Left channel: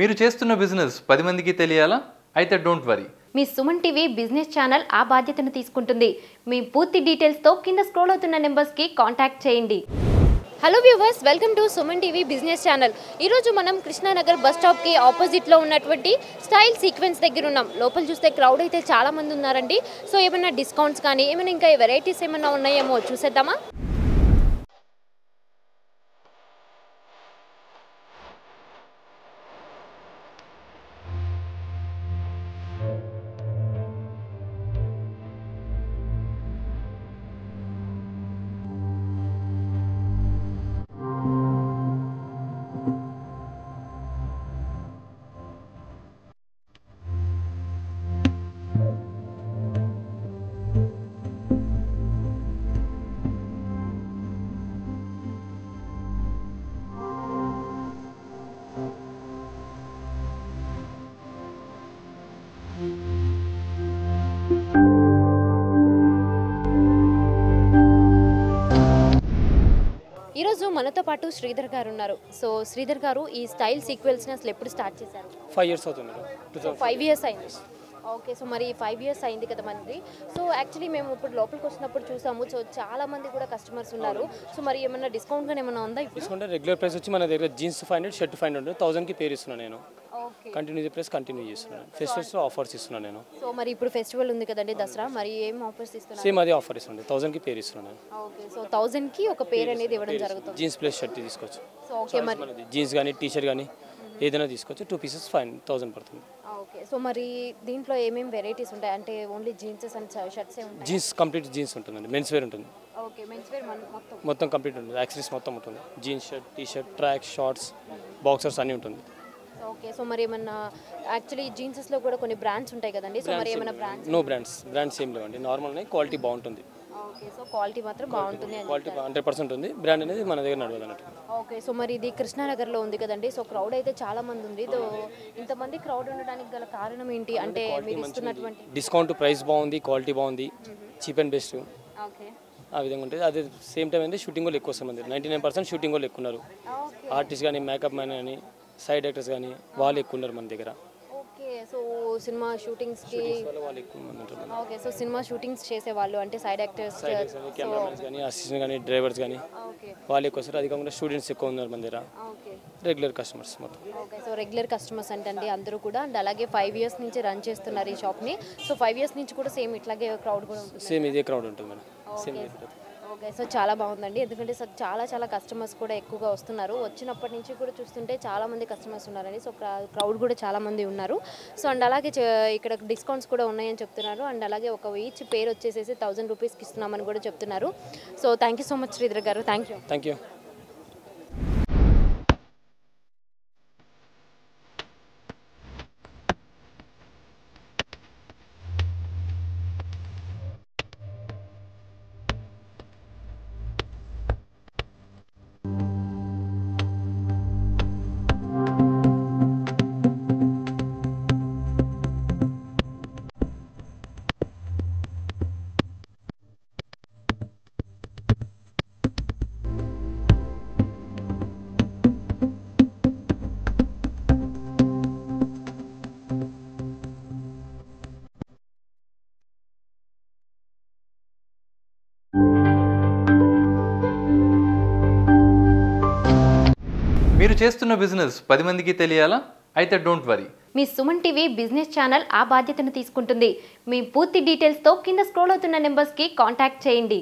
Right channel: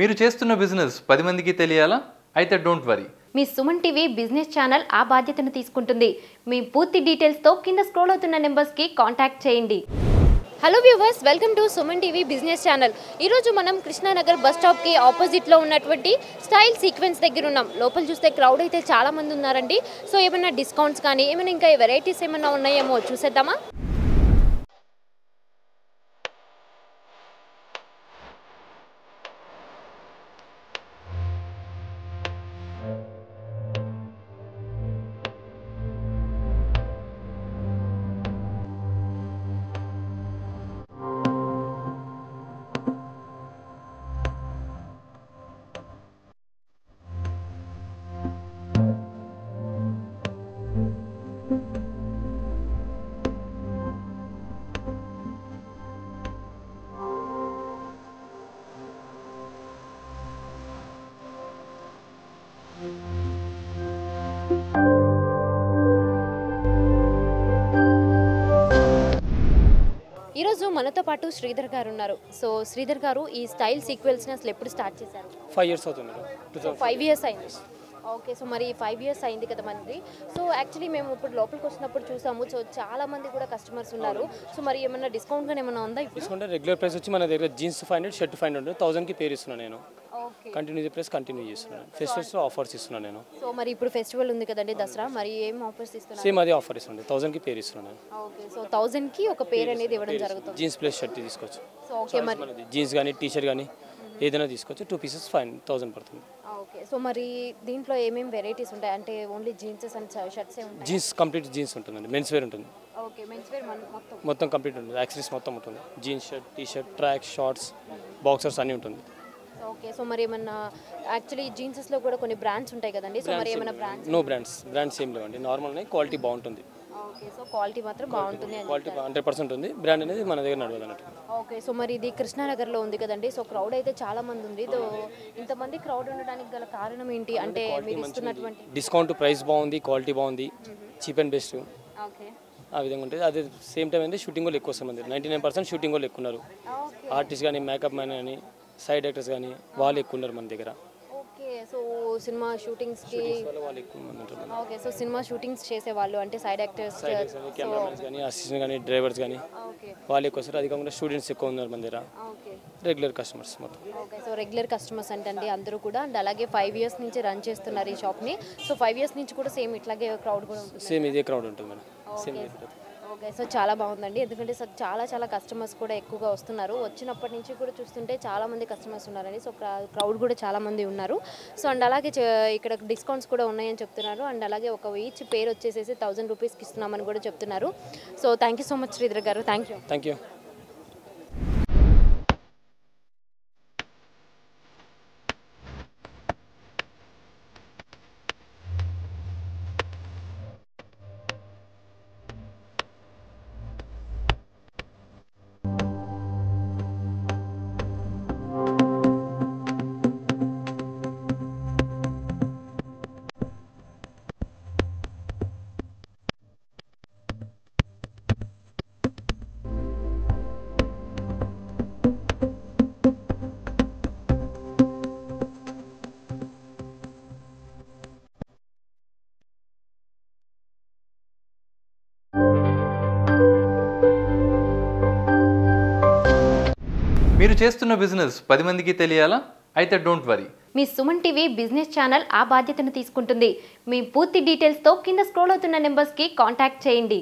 మీరు చేస్తున్న బిజినెస్ 10 మందికి తెలియాలా? అయితే డోంట్ వరీ. మీ సుమన్ టీవీ బిజినెస్ ఛానల్ ఆ బాధ్యతను తీసుకుంటుంది. మీ పూర్తి డీటెయిల్స్ తో కింద స్క్రోల్ అవుతున్న నెంబర్స్ కి కాంటాక్ట్ చేయండి. Hello viewers, welcome to Suman TV business channel. ఈరోజు మనం కృష్ణానగర్ బస్ స్టాప్కి ఆపోజిట్లో ఉన్నటువంటి స్టైల్ సీక్వెన్స్ దగ్గర ఉన్నాం. లోపల చూస్తే క్రౌడ్ అయితే చాలా మంది ఉన్నారండి. సో ఏమైనా డిస్కౌంట్స్ కానీ ఏమైనా ఇంకా వెరైటీస్ ఏమైనా ఉన్నాయేమో చూసేద్దామా? ఈరోజు మనతో పాటు శ్రీధర్ గారు ఉన్నారు. సో శ్రీధర్ గారు, ఈ స్టైల్ సీక్వెన్స్ని అసలు ఎప్పుడు స్టార్ట్ చేశారు? 5 years అవుతుంది. 5 years అయింది. ఓకే, సో మరి 5 years అయింది కదా మనది. సో యాక్చువల్లీ మేము ఇప్పుడు లోపలికి వచ్చినప్పుడు చూసాము. సో చాలా మంది కూడా కస్టమర్స్ ఉన్నారు. సో మరి ఏమన్నా డిస్కౌంట్ కానీ ఏమన్నా ఉందా? డిస్కౌంట్ రెగ్యులర్ ప్రైస్ వచ్చి మన దగ్గర జీన్స్ 500, షర్ట్ 500, 1000కి పేరు ఇస్తున్నాను నేను. కంటిన్యూ ప్రైస్ కంటిన్యూ చేస్తున్నాను. ఫెస్టివల్స్లో ఆఫర్స్ ఇస్తున్నాను నేను. సో మరి ఇప్పుడు ఫెస్టివల్ ఉంది కదండి, దసరా, మరి ఏం ఆఫర్స్ ఇస్తున్నారు? సేమ్ అదే ఆఫర్ ఇస్తున్నాను. 1000కి పేరు ఇస్తున్నాను నేను. ఓకే, సో 1000కి ఒక పేరు అనేది ఇవ్వడం జరుగుతుంది. జీన్స్ ప్లస్ షర్ట్ తీసుకోవచ్చు. సో ఓకే, మరి జీన్స్ కానీ టీషర్ట్ కానీ ఏదైనా తీసుకోవచ్చు. 2 pieces 1000 పడుతుంది. ఓకే, సో మరి దీంట్లో ఏమేమి వెరైటీస్ ఉంటాయి? అంటే ఓన్లీ జీన్సెస్ అండ్ షర్ట్స్ ఉంటాయి? జీన్స్ కంప్లీట్ జీన్స్ ఉంటుందండి. మెన్స్ వేర్ ఉంటుంది. ఓకే, మెన్స్ వేర్ మొత్తం కంప్లీట్ ఉంటుంది. యాక్సెసరీస్ మొత్తం ఉంటుంది. Jeans, shirt, T-shirt, track, shorts, boxers అన్నీ ఉంటుంది. ఓకే, సో మరి ఏమన్నా యాక్చువల్లీ జీన్సెస్లో కూడా కొన్ని బ్రాండ్స్ ఉంటాయి కదండి. సో మరి ఏమైనా నో బ్రాండ్స్ ఏం లేవండి. నార్మల్గా క్వాలిటీ బాగుంటుంది. ఓకే, సో క్వాలిటీ మాత్రం బాగుంటుంది. క్వాలిటీ 100% ఉంది. బ్రాండ్ అనేది మన దగ్గర నడవదు అన్నట్టు. ఓకే, సో మరి ఇది కృష్ణానగర్లో ఉంది కదండి. సో క్రౌడ్ అయితే చాలా మంది ఉంది. ఇంతమంది క్రౌడ్ ఉండడానికి గల కారణం ఏంటి? అంటే మీరు ఇస్తున్నటువంటి డిస్కౌంట్, ప్రైస్ బాగుంది, క్వాలిటీ బాగుంది, చీప్ అండ్ బెస్ట్. ఓకే, ఆ విధంగా ఉంటుంది. అదే సేమ్ టైం అంటే షూటింగ్ వాళ్ళు ఎక్కువ వస్తారు. 99% షూటింగ్ వాళ్ళు ఎక్కువ ఉన్నారు. ఆర్టిస్ట్ కానీ, మేకప్ మ్యాన్ కానీ, సైడ్ యాక్టర్స్ కానీ వాళ్ళు ఎక్కువ ఉన్నారు మన దగ్గర. ఓకే, సో సినిమా షూటింగ్స్కి వాళ్ళు ఎక్కువ మంది ఉంటారు. ఓకే, సో సినిమా షూటింగ్స్ చేసేవాళ్ళు అంటే సైడ్ యాక్టర్స్, కెమెరామెన్స్ కానీ, అసిస్టెంట్ కానీ, డ్రైవర్స్ కానీ వాళ్ళు ఎక్కువ వస్తారు. అది కాకుండా స్టూడెంట్స్ ఎక్కువ ఉన్నారు మన దగ్గర. రెగ్యులర్ కస్టమర్స్ మొత్తం. ఓకే, సో రెగ్యులర్ కస్టమర్స్ అంటే అందరూ కూడా అండ్ అలాగే 5 years నుంచి రన్ చేస్తున్నారు ఈ షాప్ని. సో 5 years నుంచి కూడా సేమ్ ఇట్లాగే క్రౌడ్ కూడా ఉంటుంది? సేమ్ ఇదే క్రౌడ్ ఉంటుంది మేడం. సేమ్ ఓకే, సో చాలా బాగుందండి. ఎందుకంటే సో చాలా కస్టమర్స్ కూడా ఎక్కువగా వస్తున్నారు. వచ్చినప్పటి నుంచి కూడా చూస్తుంటే చాలా మంది కస్టమర్స్ ఉన్నారండి. సో క్రౌడ్ కూడా చాలా మంది ఉన్నారు. సో అండ్ అలాగే ఇక్కడ డిస్కౌంట్స్ కూడా ఉన్నాయని చెప్తున్నారు. అండ్ అలాగే ఒక ఈచ్ పేరు వచ్చేసేసి 1000 రూపీస్కి ఇస్తున్నామని కూడా చెప్తున్నారు. So thank you so much Sridhar garu. Thank you. మీరు చేస్తున్న బిజినెస్ 10 మందికి తెలియాలా? అయితే డోంట్ వరీ. మీ సుమన్ టీవీ బిజినెస్ ఛానల్ ఆ బాధ్యతను తీసుకుంటుంది. మీ పూర్తి డీటెయిల్స్ తో కింద స్క్రోల్ అవుతున్న నెంబర్స్ కి కాంటాక్ట్ చేయండి.